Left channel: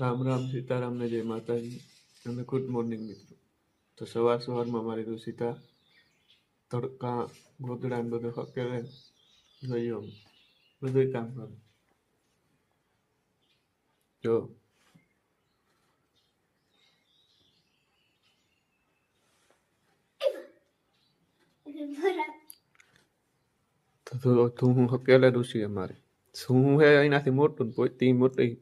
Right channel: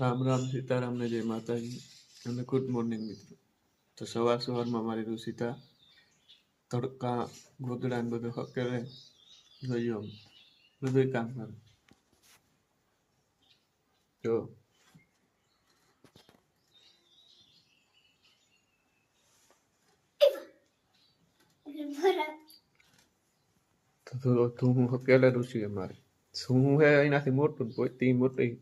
રામ રામ સીતારામ ને જય માતાજી અને ગુડ મોર્નિંગ મિત્રો. તો સવારમાં મારી ઋષિતા તડકા ગોદડા ને બધું હકેલે જોયો બધું કામ કરે. જો તો તું હું હકેલે ઋષિ અમારે શું હે એનાથી મોટું પોતી મોટી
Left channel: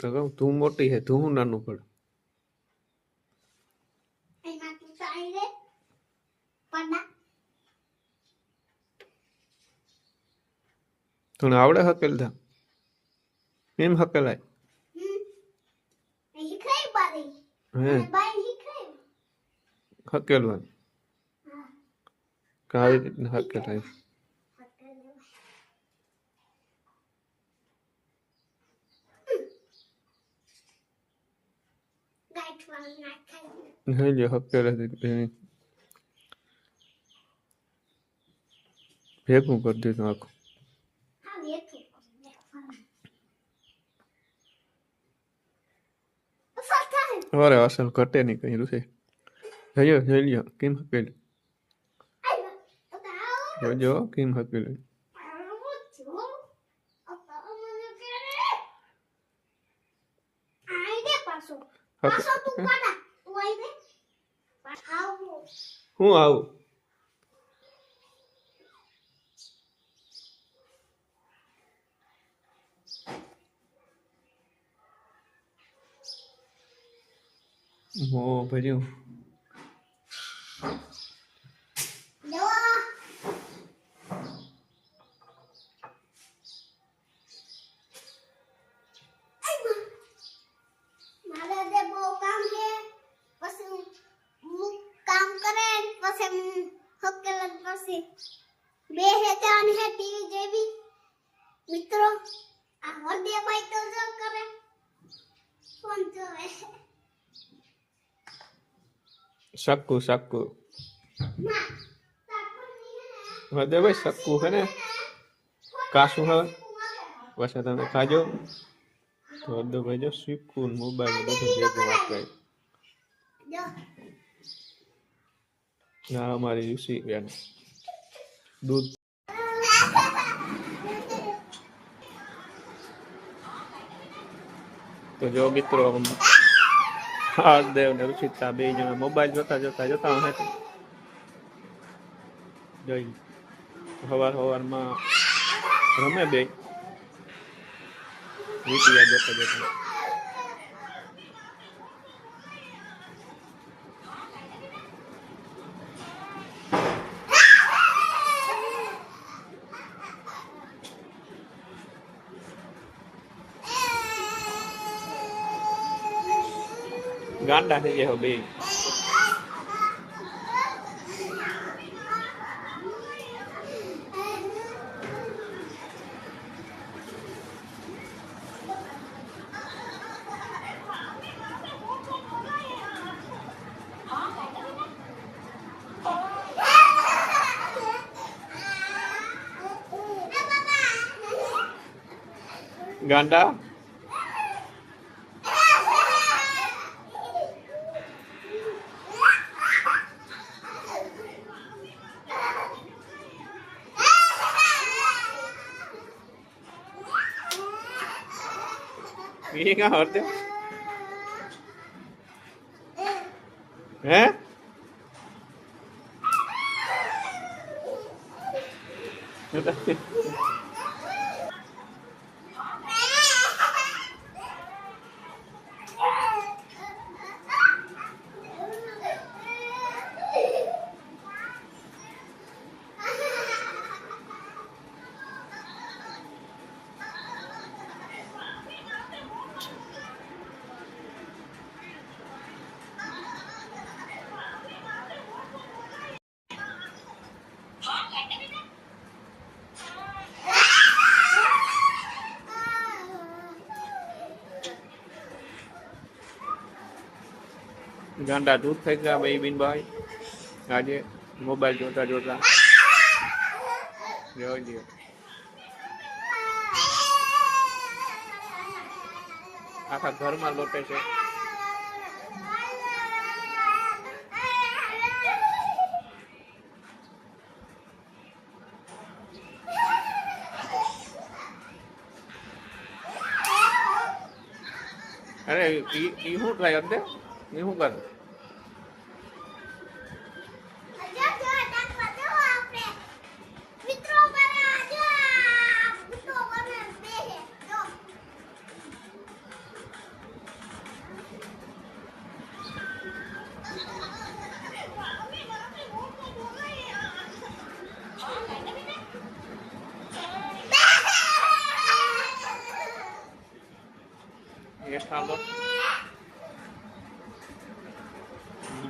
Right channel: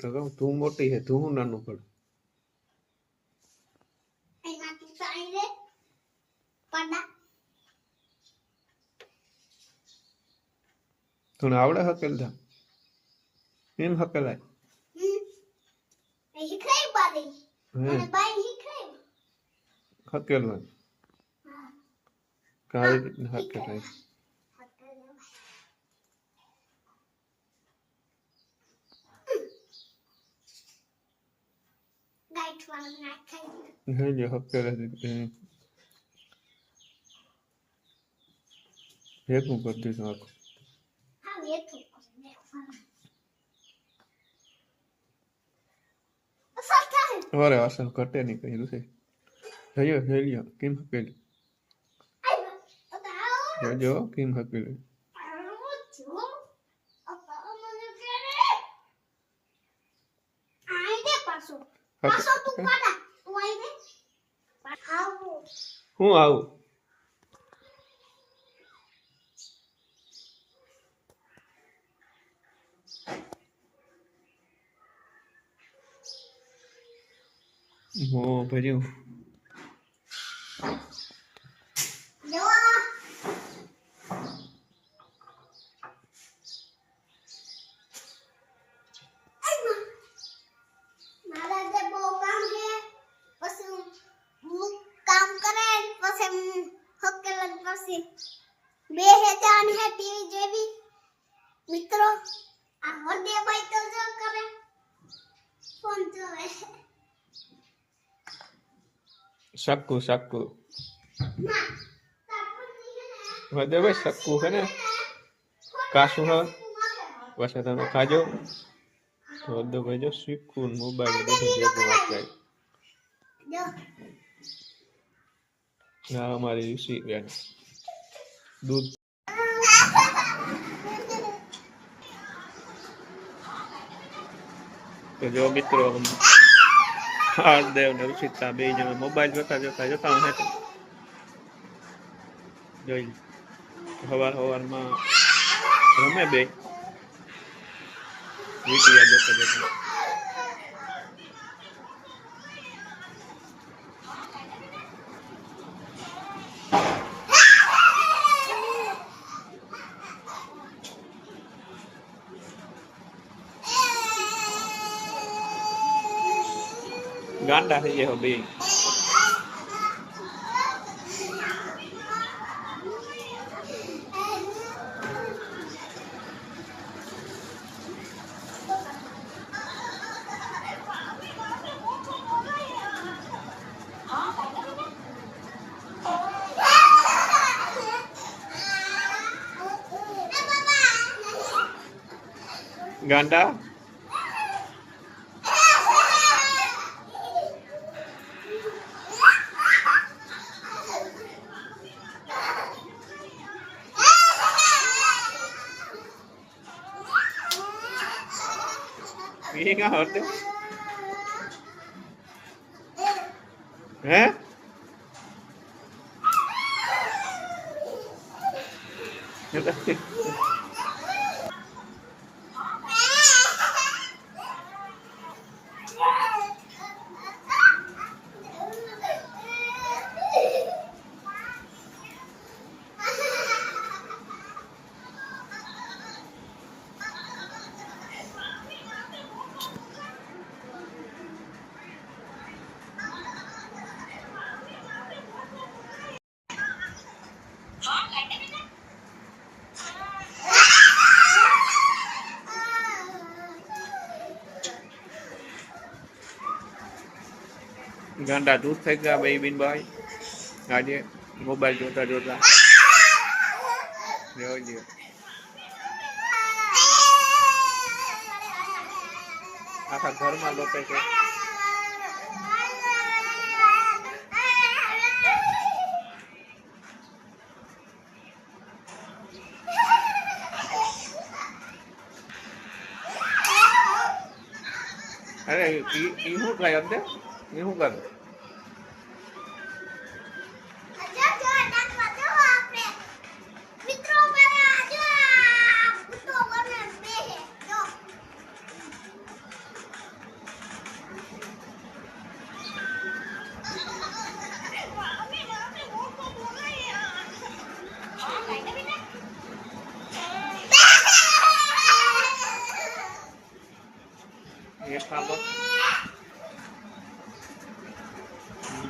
તો કહું તું મોટી હે તું નાનું પડે. તને આવડે હકેલતા એમ હકેલાય હકેલવા કાવી રીતના હકેલાય. નહીં જો હકેલે ભેગું કરી દીધું આખું. અરે અસલ ઘટે નહીં કઈ રૂસે જોઈ લ્યો કેમ હકેલી જોજો કેમ હકેલી. હું આવું મો ભર્યું મિત્રો આ હરદે ભાઈ તો જો કરે ફોન જોવે सक्कू सक्कू ના दे भाई सक्कू है ना कासू है वैसे તમે ખાજો તો દો ભાઈ જો સિક્કુ મોબાઈલ બધું ભેગું વાપરાય. જો ના અમારી ઋષિ બેન દૂધ તો જો મિત્રો હાર્દેવ ને ઋષિતા બે જણા મોબાઈલ જોતા હું જોઈ સવારમાં રમે બે વીટિયા જોતા ગાંડા થઈ ગયા બે. ગાંડા ये क्या होते हैं ગાંડા દૂધ થઈ ગયા ભાઈ બિન ભાઈ આજે મોબાઈલ જોતા જોતા જોઈ લ્યો. આખા ઘરમાં લોટે છે. અરે ઈ શું થાય અંતે? ઈ શું કરે? જો જો નાખવા દો આપણે મિત્રો મારા જો આ ભૂતો બને બેહે જો એ થાંભો.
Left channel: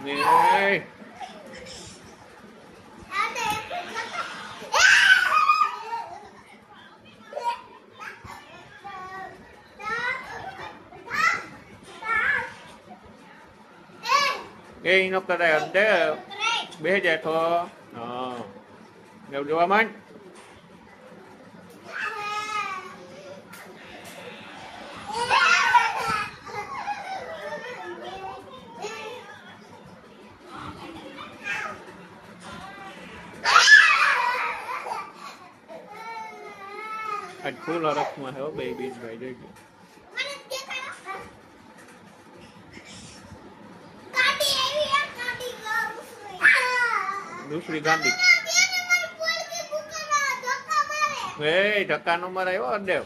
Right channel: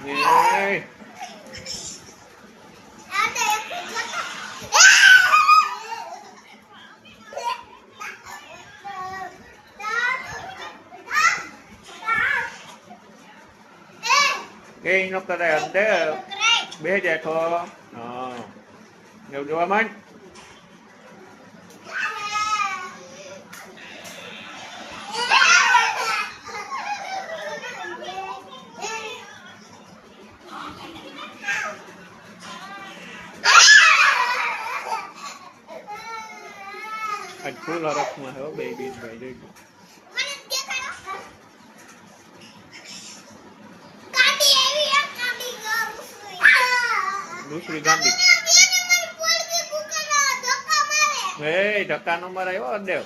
એ આને એક નો કરાય અંતે બે જાય તો હા એવું જોવા માંડ. આજ ફૂલ હરખમાં હે બે બીજ ભાઈ જોઈ. મને દેખાડો કાડી એવી એક કાડી ગયું દૂસરી ગાંડી. બેને મને પોલકી ભૂકેલા ધક્કા મારે એ ધક્કા નો મરાયો દેવ.